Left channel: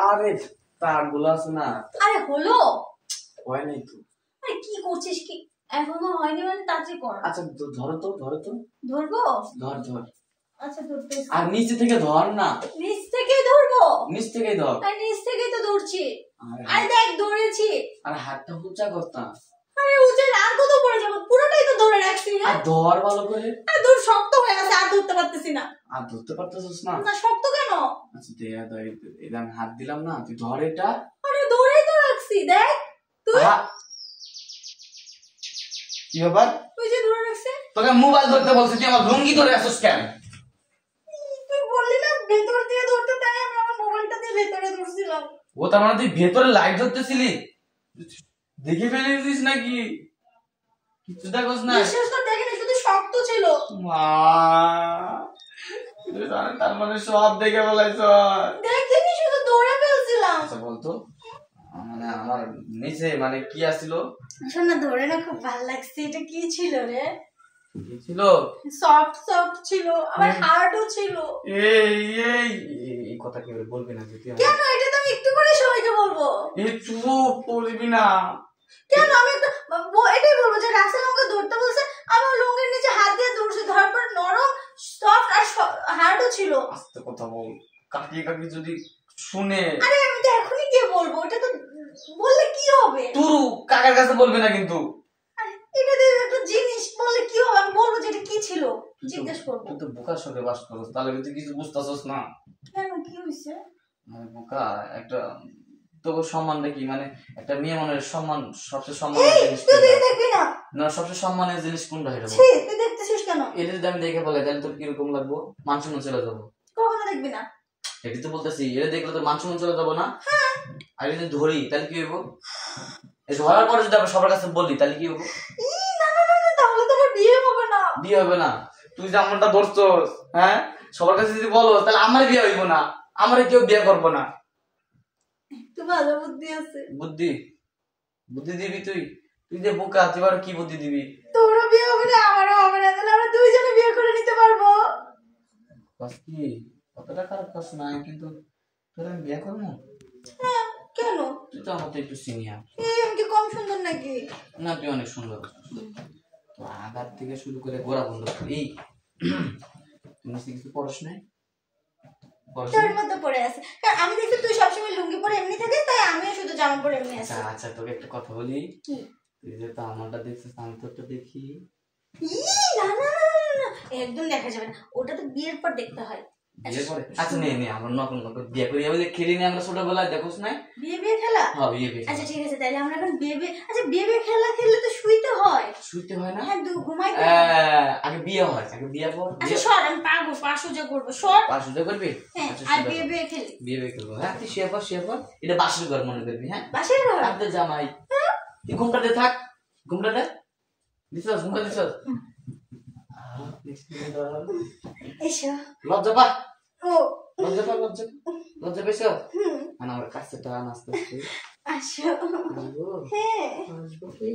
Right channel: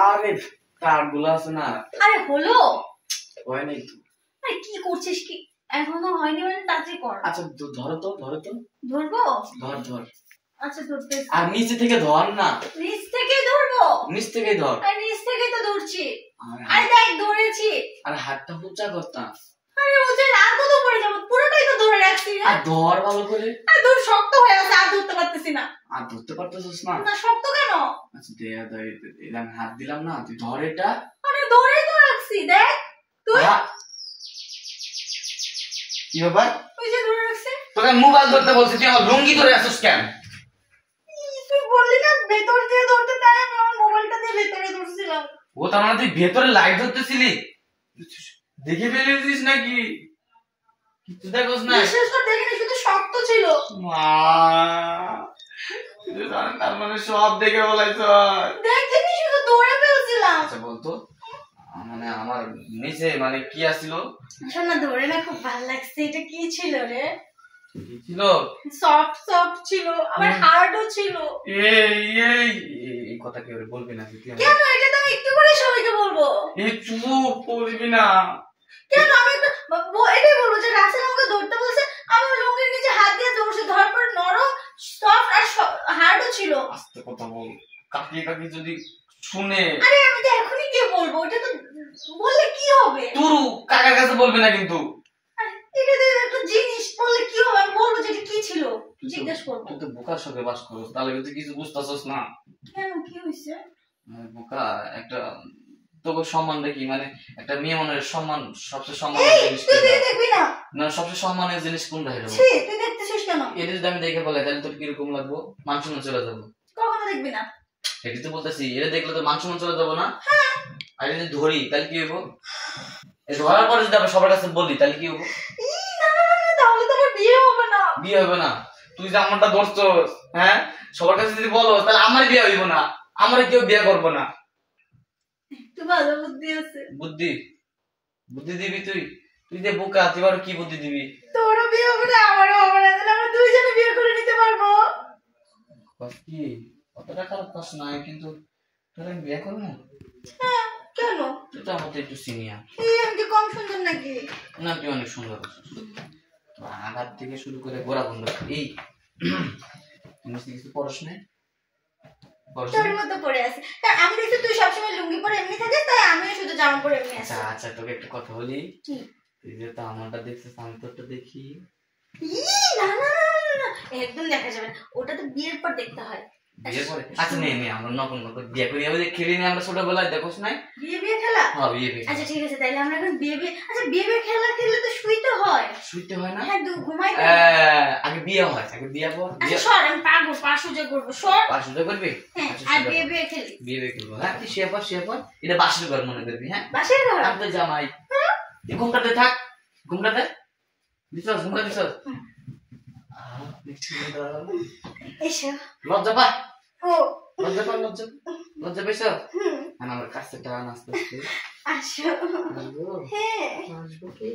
আরে তারগুলো আছে না। আরে হলো হয় নাই তো। আরে কি করছিস কি? এখনো হয়নি মানে তাড়াতাড়ি কর। আচ্ছা ধরো তো ধরবো? ধর আচ্ছা ধরতে। আর নিচে থেকে ধর না। নিচ থেকে ধরবো? নিচ থেকেই ধর। আরে নিচ থেকেই তো ধরছি। আরে দেখ ধরেছি। আরে হাতটা উঁচা করতা। আরে উঁচা আর কত পড়ে যাবো, পুরোটাই তো ধরে রাখছি রে। আর ধর ভালো করে। আরে দূর শক্ত হয়ে আছে, আর ধরতে পারতেছি না। আর ধরতে পারতেছিস না? না শক্ত কেন? আচ্ছা দে আমি হাত দিলাম না, তুই ধর এটা। আরে ধরে তো রাখছি, দেখ তুই। কি ব্যাপার? তুই যে ধরে রাখছিস। তোকে মোবাইল ধরতে বলছি, তুই আমার লুঙ্গি ধরে আছিস কেন? তুই বললি না ভেতর দিয়ে ধরতে, তাই আমি আমার মোবাইলটা দিয়ে ভেতরে ধরছিলাম। ও তার মানে তুই ভেতরে লাইট ধরতেছিলি? দেখে ফেলেছিস নাকি? কিছু দেখোস না? বিশেষ করে দেখিনি, শুধু শক্ত ছিল। মা তার মানে সব দেখে বলাইছ। দেখিনি, শুধু ধরে ফেলছিলাম। আচ্ছা বলতো, মানে আমার নিচে মানে কি আসছিল? শোন না, ধরে না খুব ভালো লাগছে। এটা কি ছিল রে? কি ছিল? সফট ছিল, আবার হার্ডও ছিল। এই কথা কেউ বলবি না। কেন? এটা তো আমি একটু করে সবাইকে বলবো। এই চুপ বলবি না। কেন? আমি এটাই বলবো যে রাসেল আমাকে ধরতে বলছে, আমি লুঙ্গির নিচে হাত দিয়ে ধরছি, ধরার পর নরম, সফট আর হার্ডও ছিল। আস্তে কথা বল, কাকি যদি শুনে। আরে আমি তো এখনই গিয়ে বলবো, এটা তো বললে কি হবে? তুই কাকার কাছে বলবি না কিন্তু। এটা তো একটা জিনিস, বললে কি হবে? আমি বলবো যে এটা কি ছিল, জিজ্ঞেস করবো। তুই তো বোকার সাথে বাস করছিস, তাহলে কিন্তু কিছু বুঝতাছস না। কেন, কি হইছে? বোকা একটা তোকে সম্মান দেখি, মানে একটা মেয়ে মনের সম্মান, সবচেয়ে সম্মানের জিনিস তুই দেখবি না? না, সবচেয়ে সম্মানের জিনিস কোনটা? এটা ছি, তুই দেখতেছিস কেন? এটা যদি আমি দেখে বলে তাহলে তোর কিরকম লাগবো? মান সম্মান চলে যাবো। কখনো দেখবি না। এটি তো বলতেছি, এটা দেখলে তো মান সম্মান চলে যাবো না? আর যদি ধরি তাহলে কি হইব? এই ধরার পরে যদি আমি সবার কাছে বলি তাহলে কি হইব? না না না, তাহলে তোমার বিয়ে হবে না। বিয়ে হবে না? তুই যে আমারটা ধরছস, হ্যাঁ, সবার কাছে যদি বলো তাহলে আমার বিয়ে হইব না, আমার কেউ বিয়ে করবো না। তুই ভালো বুদ্ধি আছে। বুদ্ধি দিবি তুই? তুই যে বোকা, তুই আর কি বুদ্ধি দিবি? তোরও বিয়ে হবে না, আমারও হবে না, তাহলে আমরা দুইজনে বিয়ে করে নিতে পারবো। কি কতটা খারাপ কাজ না, কিন্তু তোর আমি বিয়ে করবো? হ্যাঁ, কেন? তুই তো আমার তো একটু সিনিয়র। আমি কি কম সুন্দর নাকি? না, তুই অনেক সুন্দর। তো আঘাত থেকে শুরু করে গোড়া বন্ধ এই কিছু পড়াশোনায় তোর মতো পড়ে আছে। কারণ আমি দেখছি তুই সবসময় লুঙ্গি পরে এমনি থাকিস, তাই আমিও শুধু জামা পরে এমনি আছি। আচ্ছা তোকে একটা কথা বলি। কি? তুই যে তো আমারটা দেখছিস, আমি তোরটা দেখি। না না না না, একদম দেখা যাবে না, ওটা তো বিয়ের পর দেখতে হয়। বিয়ের পরে? আচ্ছা নে আমরা নকল বিয়ে করি, আমি খেলি না আমরা ছোটবেলায়, দেখোস না বিয়ে খেলা? হ্যাঁ বিয়ে। আচ্ছা ঠিক আছে, তাহলে আমরা এখন বিয়ে। আচ্ছা বিয়ে খেলা খেললে তো শুইতে হয়। শুইতে হয় না? হ্যাঁ, ঘুমাইতে। আগে বিয়ে হয়, আগে বিয়ে পর। আচ্ছা সর, আমি পারবো, পাশুজা করবো, সর। পাশুজা করবি? হ্যাঁ, আচ্ছা আর বিয়ে খেলি। বিয়ে করবো, হ্যাঁ। তুই শুয়ে পর এটা বাসের ঘর মনে করবি, হ্যাঁ। বাসের ঘর? আমি তো জামাই। তুই ঘুমটাতে থাক, ঘুমটাতে দিছস, ঘুমটা দিছস। এসো। লজ্জা পা। ও লজ্জা পেয়েছ? আমার কাছে টান আস্তে আস্তে। আসো। আসবো? হ্যাঁ আসবো কি?